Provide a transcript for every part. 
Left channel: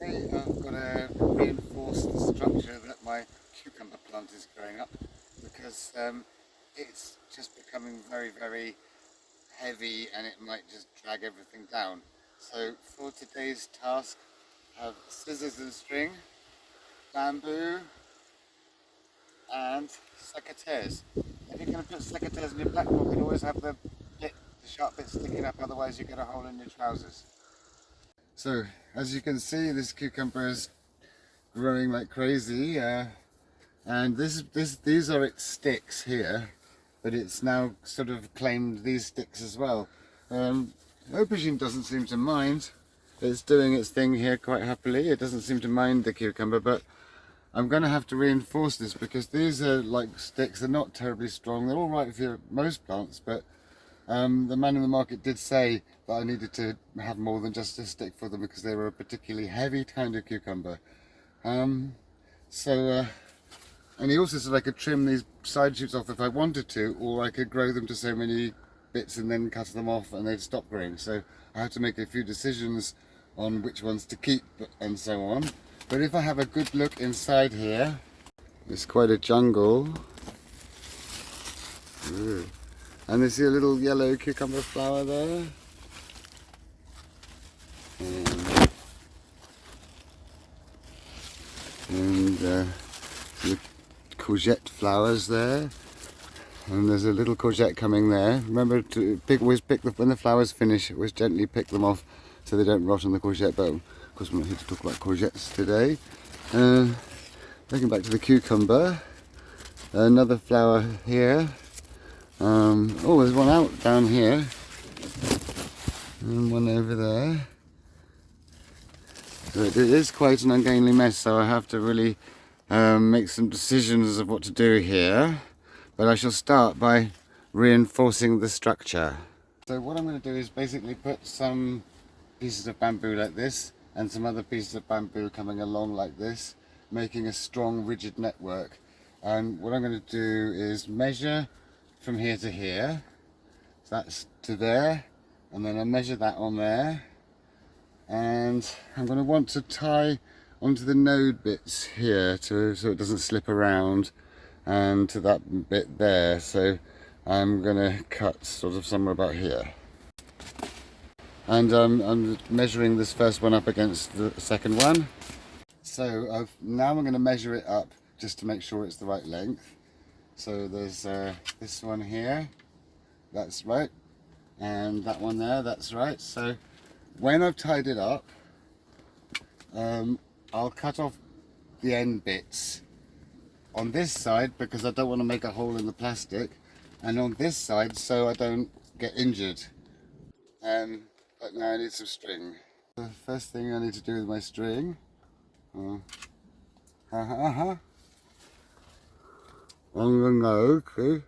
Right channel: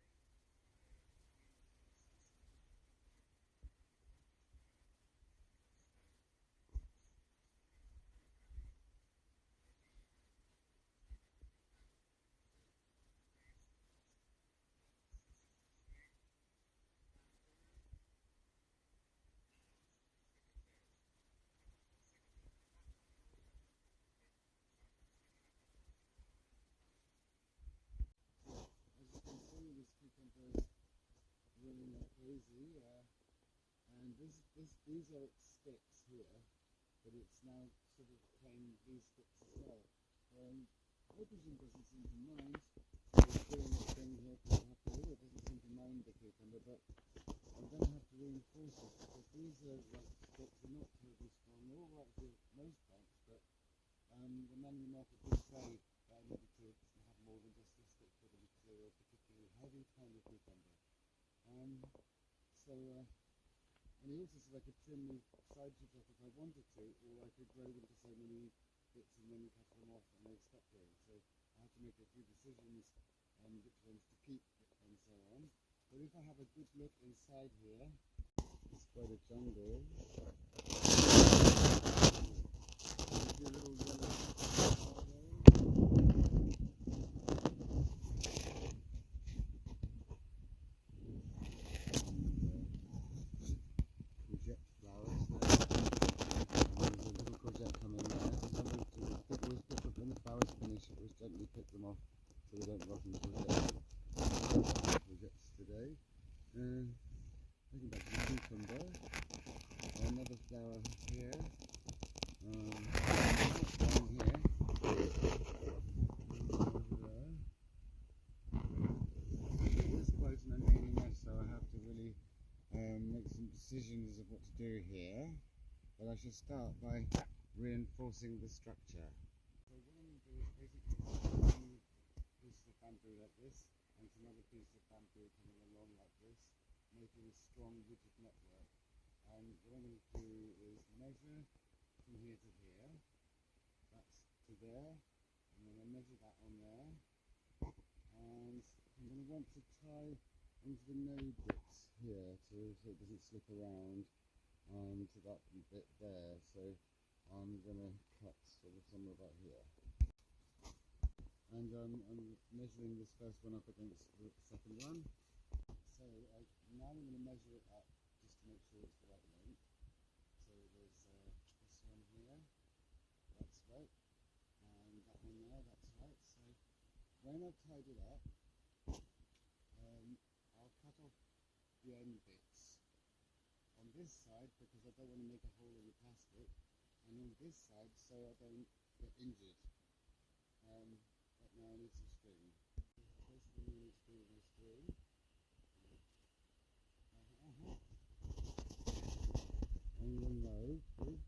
I've got to reinforce the structure that my cucumber plant is growing up because it's just becoming very heavy and it might just drag everything down. So for today's task, I have scissors and string, bamboo and secateurs. If you're going to put secateurs in your platform, you can always have the sharp bit sticking up, otherwise you get a hole in your trousers. So as you can see, this cucumber is growing like crazy, and these are its sticks here, but it's now sort of claimed these sticks as well. Aubergine doesn't seem to mind. It's doing its thing here quite happily. It doesn't seem to mind the cucumber, but I'm going to have to reinforce this because these are like sticks. They're not terribly strong. They're all right for most plants, but the man in the market did say that I needed to have more than just a stick for them because they were a particularly heavy kind of cucumber. And he also said I could trim these side shoots off if I wanted to, or I could grow them to so many bits and then cut them off and they'd stop growing. So I had to make a few decisions on which ones to keep and so on. But if I have a good look inside here, it's quite a jungle. Ooh. And you see a little yellow cucumber flower there. And the courgette flowers there. And there's a little courgette coming there. Remember to always pick when the flowers finish, always gently pick them off so they don't rot on the courgette. But of course, we're going to talk about courgettes today. Looking back to the cucumber, another flower here. Oh, there's one out down here, and one over there. So it is quite an ungainly mess, so I have to really make some decisions of what to do here. But I shall start by reinforcing the structure. So what I'm going to do is basically put some pieces of bamboo like this and some other pieces of bamboo coming along like this, making a strong rigid network. And what I'm going to do is measure from here to here, so that's to there, and then I measure that on there, and I'm going to want to tie onto the node bits here so it doesn't slip around, and to that bit there. So I'm going to cut sort of somewhere about here, and I'm measuring this first one up against the second one. So now I'm going to measure it up just to make sure it's the right length. So there's this one here, that's right, and that one there, that's right. So when I've tied it up, I'll cut off the end bits on this side because I don't want to make a hole in the plastic, and on this side so I don't get injured. But now I need some string. The first thing I need to do with my string, I'm going to go, okay.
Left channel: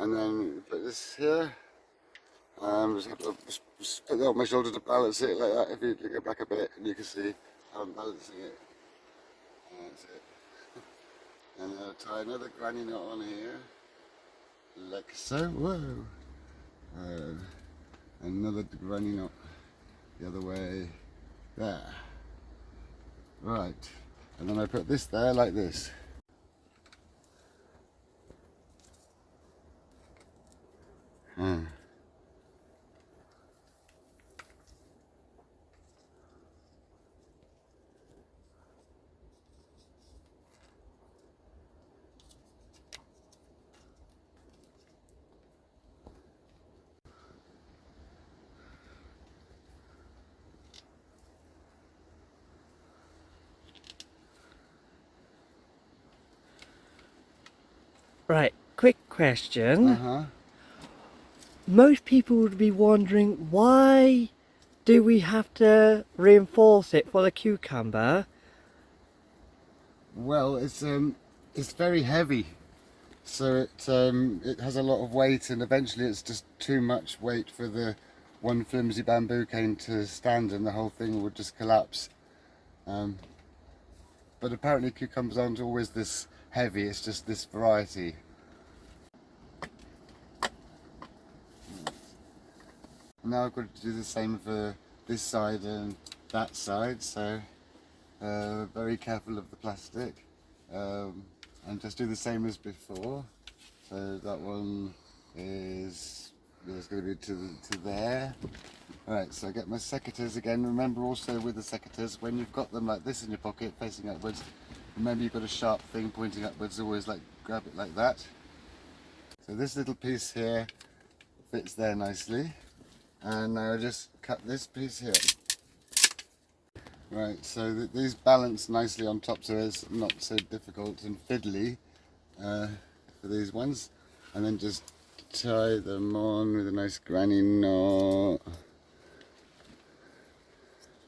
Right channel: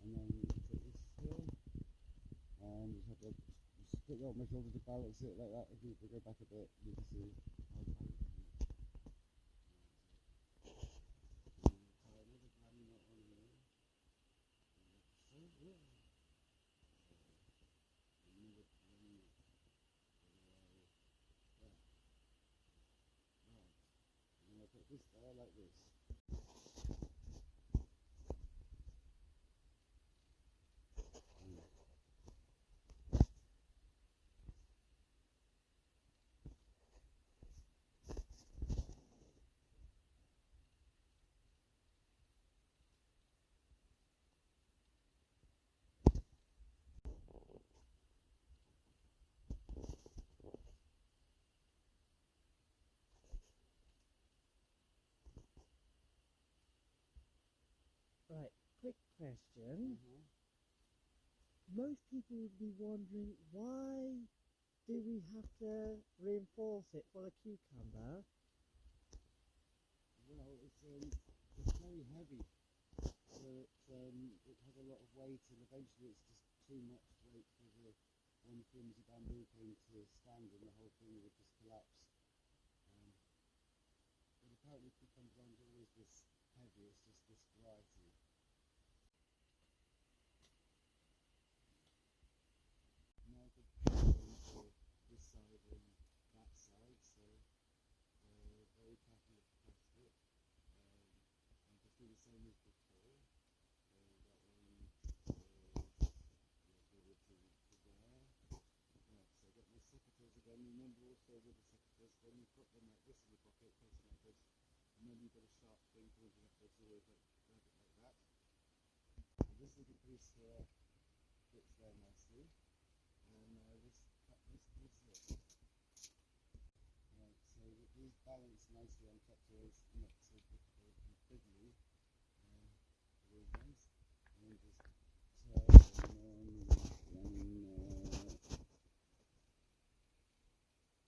And then put this here. Just have to just put that on my shoulder to balance it like that. If you go back a bit, and you can see how I'm balancing it. That's it. And I'll tie another granny knot on here, like so. Whoa! Another granny knot the other way, there. Right, and then I put this there like this. Right, quick question. Most people would be wondering, why do we have to reinforce it for the cucumber? Well, it's very heavy, so it has a lot of weight, and eventually it's just too much weight for the one flimsy bamboo cane to stand, and the whole thing would just collapse. But apparently cucumbers aren't always this heavy, it's just this variety. Now I've got to do the same for this side and that side, so very careful of the plastic, and just do the same as before. So that one is going to be to there. Alright, so I get my secateurs again. Remember also with the secateurs, when you've got them like this in your pocket facing upwards, remember you've got a sharp thing pointing upwards, always like grab it like that. So this little piece here fits there nicely. And now I just cut this piece here. Right, so these balance nicely on top, so it's not so difficult and fiddly for these ones. And then just tie them on with a nice granny knot.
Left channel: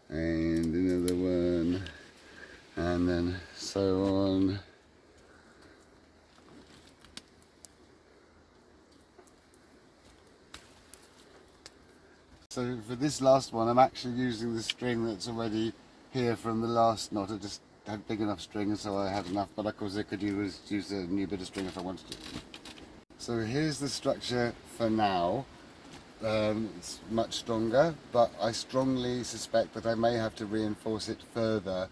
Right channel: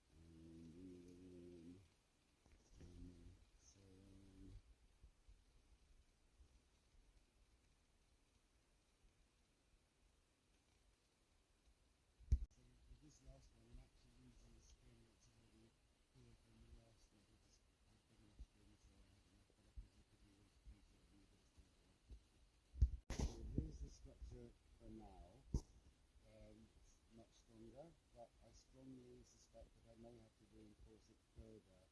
And another one. And then so on. So for this last one, I'm actually using the string that's already here from the last knot. I just had big enough string, so I had enough, but of course I could use a new bit of string if I wanted to. So here's the structure for now. It's much stronger, but I strongly suspect that I may have to reinforce it further.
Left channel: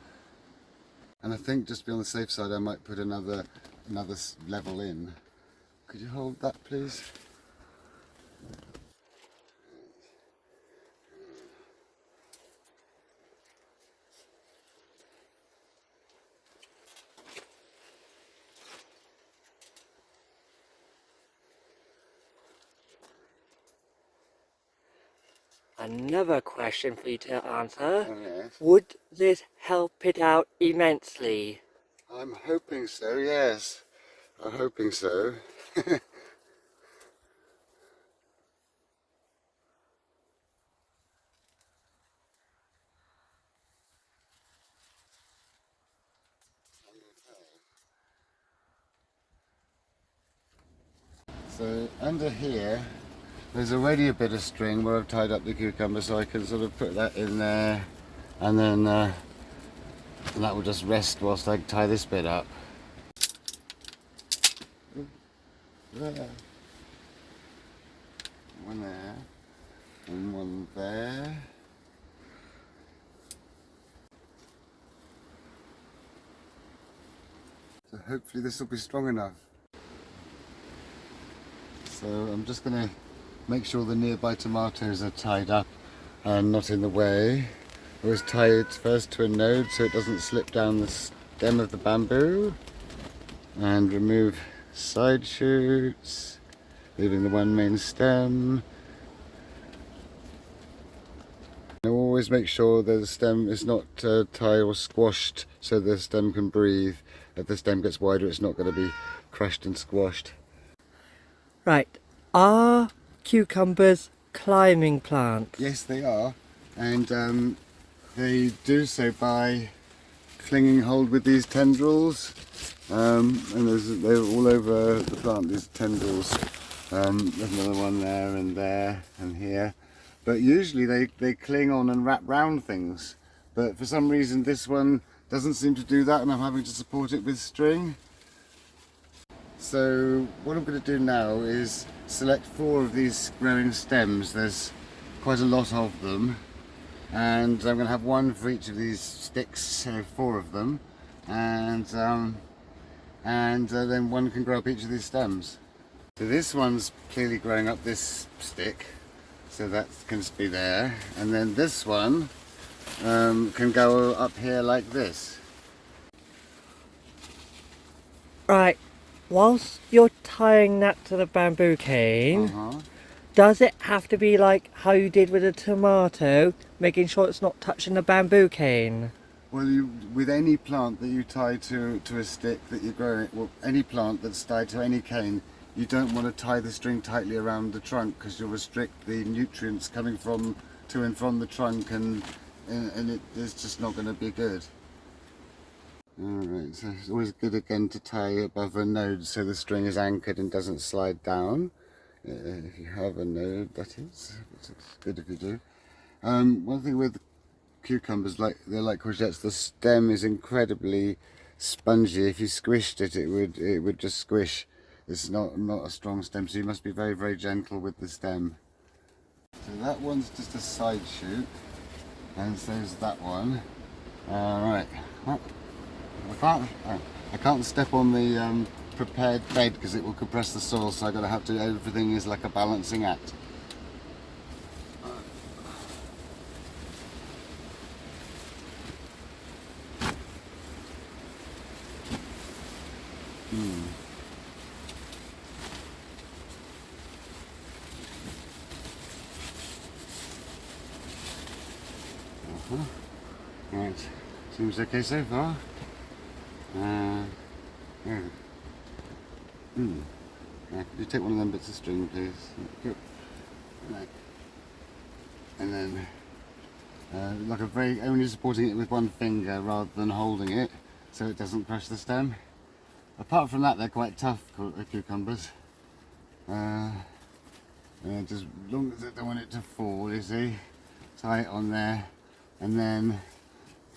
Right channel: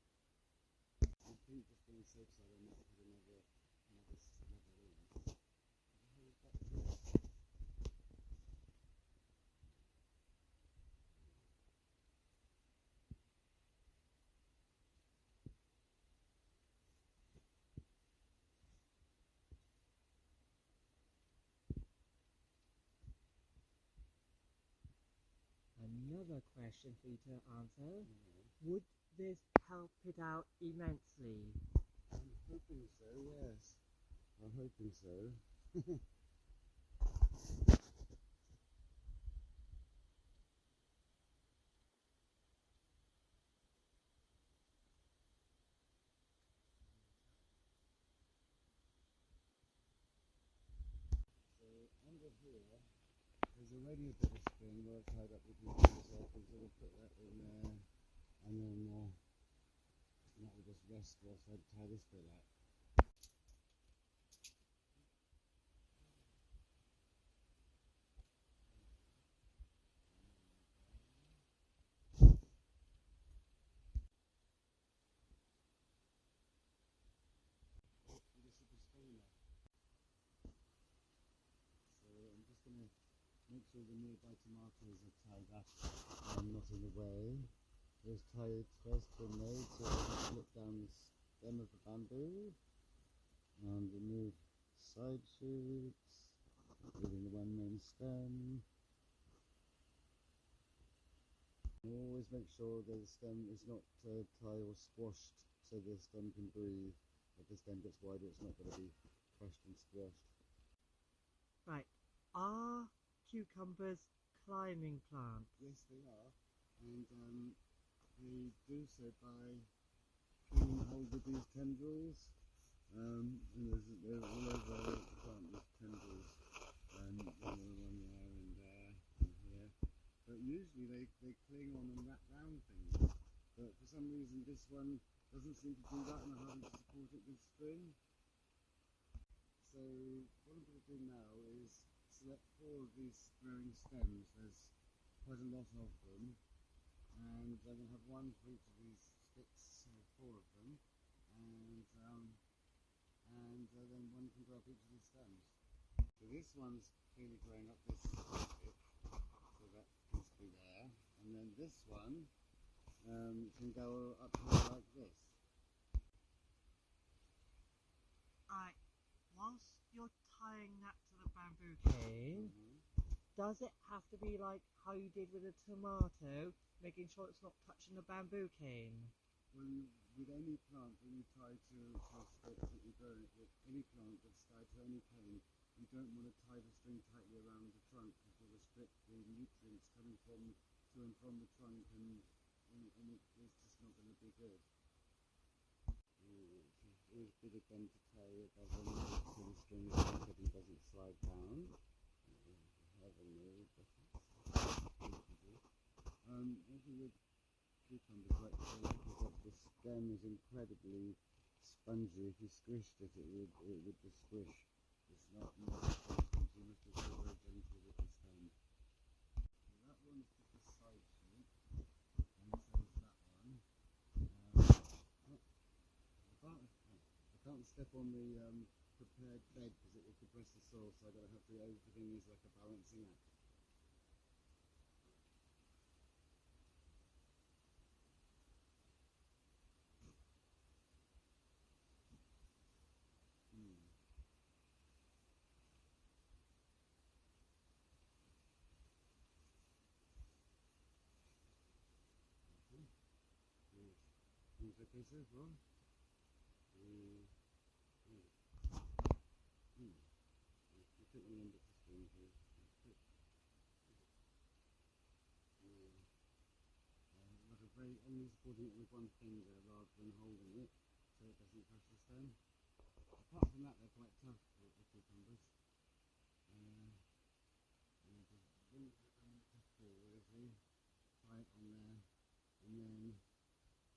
And I think just to be on the safe side, I might put another level in. Could you hold that, please? Another question for you to answer. Oh, yes. Would this help it out immensely? I'm hoping so, yes. I'm hoping so. So under here, there's already a bit of string where I've tied up the cucumber, so I can sort of put that in there, and then and that will just rest whilst I tie this bit up. There. One there, and one there. So hopefully this will be strong enough. So I'm just going to make sure the nearby tomatoes are tied up and not in the way. Always tie it first to a node so it doesn't slip down the stem of the bamboo. And remove side shoots, leaving the one main stem. And always make sure that the stem is not tied or squashed so the stem can breathe. If the stem gets wider, it's not going to be crushed and squashed. Right, are cucumbers climbing plants? Yes, they are, and they do so by clinging hold with these tendrils, and they're all over the plant, these tendrils. There's another one there and here, but usually they cling on and wrap round things, but for some reason this one doesn't seem to do that, and I'm having to support it with string. So what I'm going to do now is select 4 of these growing stems. There's quite a lot of them, and I'm going to have one for each of these sticks, so 4 of them, and then one can grow up each of these stems. So this one's clearly growing up this stick, so that can be there, and then this one can go up here like this. Right, whilst you're tying that to the bamboo cane, does it have to be like how you did with the tomato, making sure it's not touching the bamboo cane? Well, with any plant that you tie to a stick that you're growing, well, any plant that's tied to any cane, you don't want to tie the string tightly around the trunk because you'll restrict the nutrients coming to and from the trunk, and it's just not going to be good. Alright, so it's always good again to tie above a node so the string is anchored and doesn't slide down. If you have a node, that is. It's good if you do. One thing with cucumbers, like they're like courgettes. The stem is incredibly spongy. If you squished it, it would just squish. It's not a strong stem, so you must be very, very gentle with the stem. So that one's just a side shoot, and so is that one. Right. I can't step on the prepared bed because it will compress the soil, so everything is like a balancing act. Right, seems okay so far. Yeah. Yeah, could you take one of them bits of string, please? Good. Right. And then, like only supporting it with one finger rather than holding it, so it doesn't crush the stem. Apart from that, they're quite tough cucumbers. Just as long as I don't want it to fall, you see, tie it on there, and then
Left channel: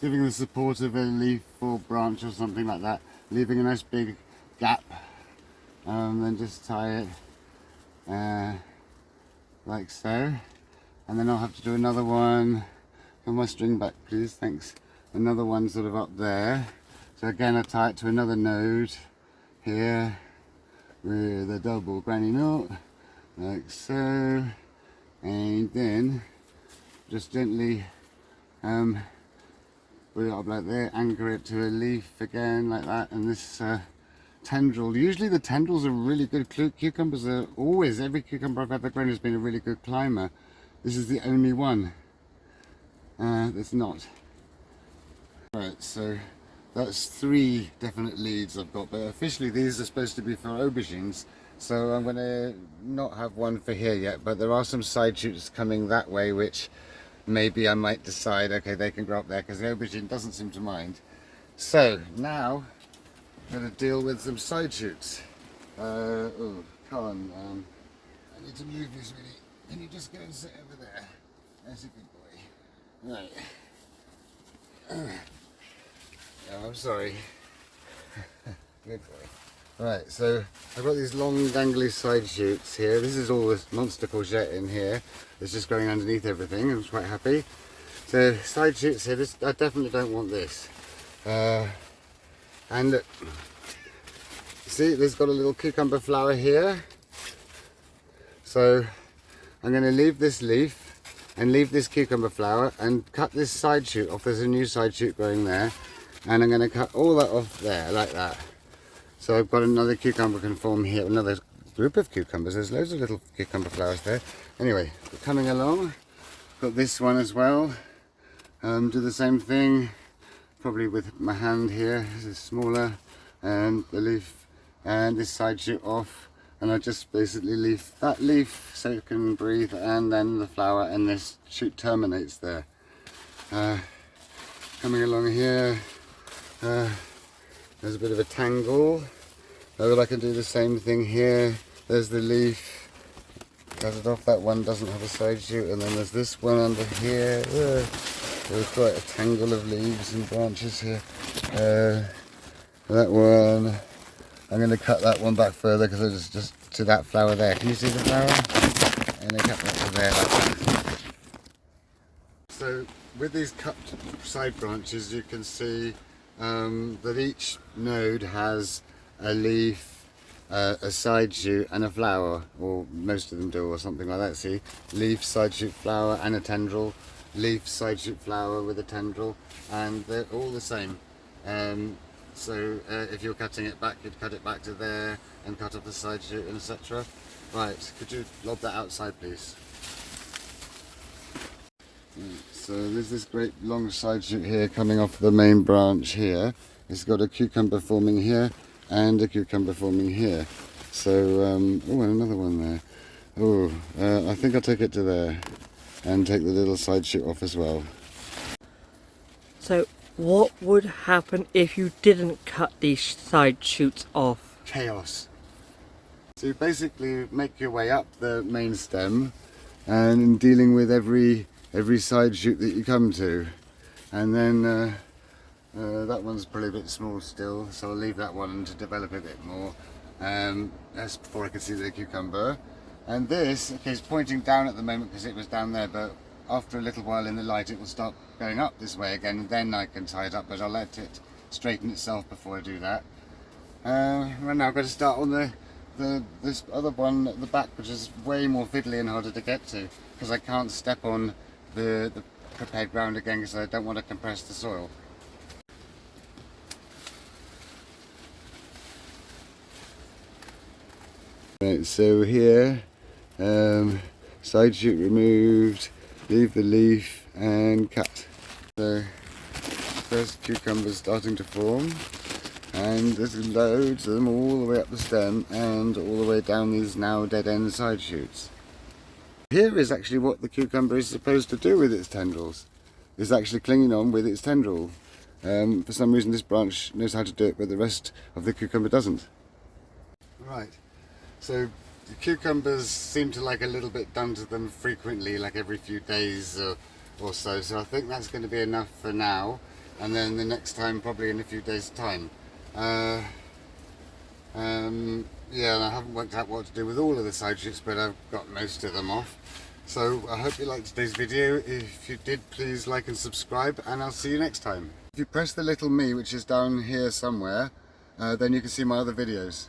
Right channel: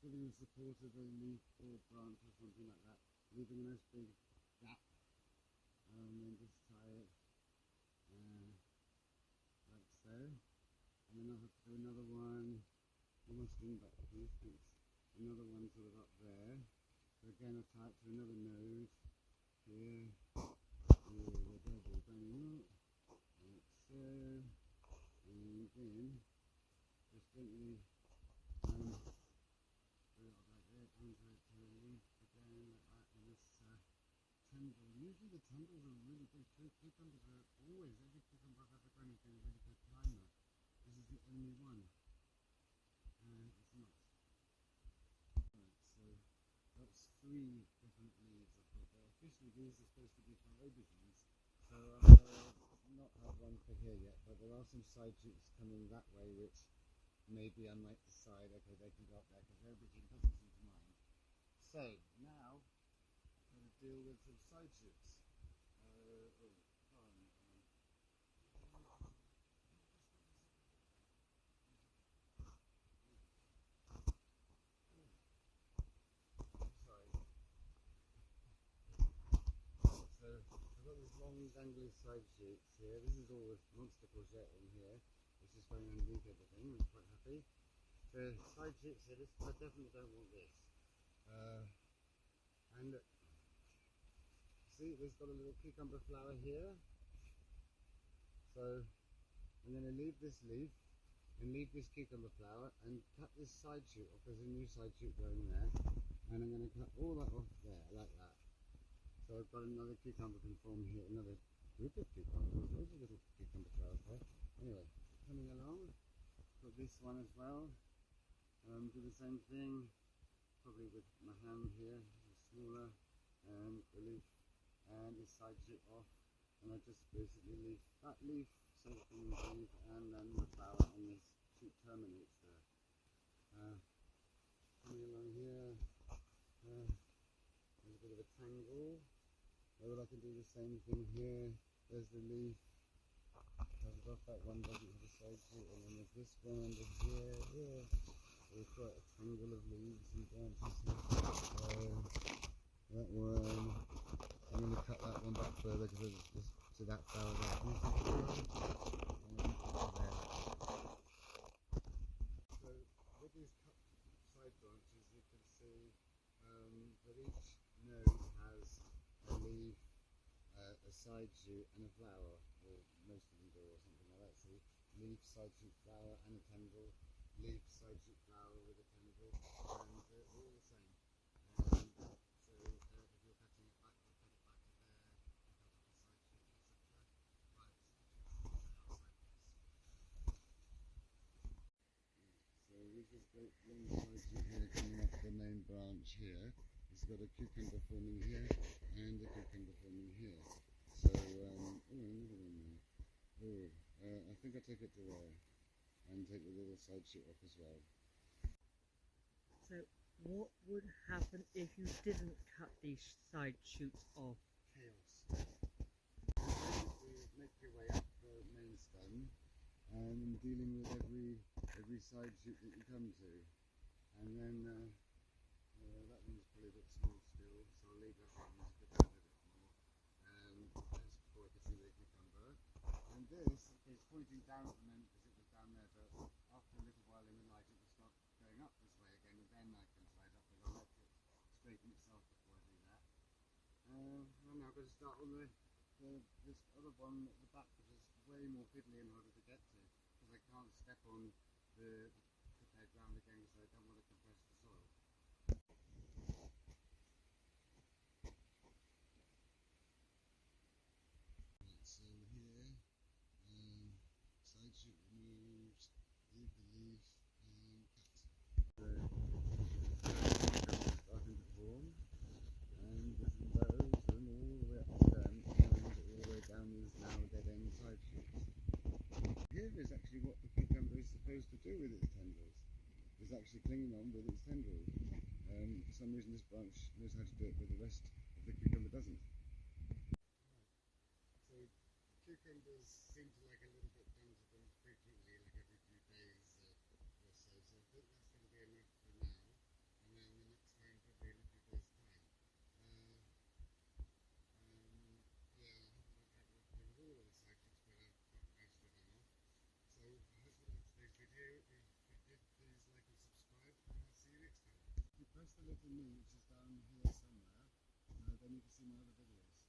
giving the support of a leaf or branch or something like that, leaving a nice big gap, then just tie it like so, and then I'll have to do another one. Put my string back, please, thanks. Another one sort of up there. So again, I tie it to another node here with a double granny knot, like so, and then just gently put it up like there, anchor it to a leaf again like that, and this tendril, usually the tendrils are really good. Cucumbers are always, every cucumber I've ever grown has been a really good climber. This is the only one that's not. Right, so that's 3 definite leads I've got, but officially these are supposed to be for aubergines, so I'm going to not have one for here yet, but there are some side shoots coming that way which maybe I might decide, okay, they can grow up there because the aubergine doesn't seem to mind. So now I'm going to deal with some side shoots. Oh, come on, I need to move this really. Can you just go and sit over there? That's a good boy. Right. Oh, I'm sorry. Good boy. Right, so I've got these long dangly side shoots here. This is all this monster courgette in here. It's just going underneath everything. I'm quite happy. So side shoots here. I definitely don't want this. And look, see, there's got a little cucumber flower here. So I'm going to leave this leaf and leave this cucumber flower and cut this side shoot off. There's a new side shoot growing there, and I'm going to cut all that off there like that. So I've got another cucumber can form here, another group of cucumbers. There's loads of little cucumber flowers there. Anyway, coming along, got this one as well. Do the same thing, probably with my hand here. This is smaller, and the leaf and this side shoot off, and I just basically leave that leaf so it can breathe, and then the flower, and this shoot terminates there. Coming along here, there's a bit of a tangle, but I can do the same thing here. There's the leaf, cut it off. That one doesn't have a side shoot, and then there's this one under here. There's quite a tangle of leaves and branches here. That one, I'm going to cut that one back further because it's just to that flower there. Can you see the flower? And I cut that to there like that. So with these cut side branches, you can see that each node has a leaf, a side shoot and a flower, or most of them do, or something like that. See, leaf, side shoot, flower and a tendril, leaf, side shoot, flower with a tendril, and they're all the same. So if you're cutting it back, you'd cut it back to there and cut off the side shoot and etc. Right, could you lob that outside please? So there's this great long side shoot here coming off the main branch here. It's got a cucumber forming here and a cucumber forming here. So, oh, and another one there. Oh, I think I'll take it to there and take the little side shoot off as well. So what would happen if you didn't cut these side shoots off? Chaos. So you basically make your way up the main stem and dealing with every side shoot that you come to. And then that one's probably a bit small still, so I'll leave that one to develop a bit more. That's before I can see the cucumber. And this, okay, it's pointing down at the moment because it was down there, but after a little while in the light it will start going up this way again, and then I can tie it up, but I'll let it straighten itself before I do that. Right now I've got to start on this other one at the back, which is way more fiddly and harder to get to because I can't step on the prepared ground again because I don't want to compress the soil. Right, so here, side shoot removed, leave the leaf and cut. So first cucumbers starting to form, and there's loads of them all the way up the stem and all the way down these now dead end side shoots. Here is actually what the cucumber is supposed to do with its tendrils. It's actually clinging on with its tendril. For some reason this branch knows how to do it, but the rest of the cucumber doesn't. Right, so the cucumbers seem to like a little bit done to them frequently, like every few days or so. So I think that's going to be enough for now, and then the next time probably in a few days' time. Yeah, and I haven't worked out what to do with all of the side shoots, but I've got most of them off. So I hope you liked today's video. If you did, please like and subscribe, and I'll see you next time. If you press the little me, which is down here somewhere, then you can see my other videos.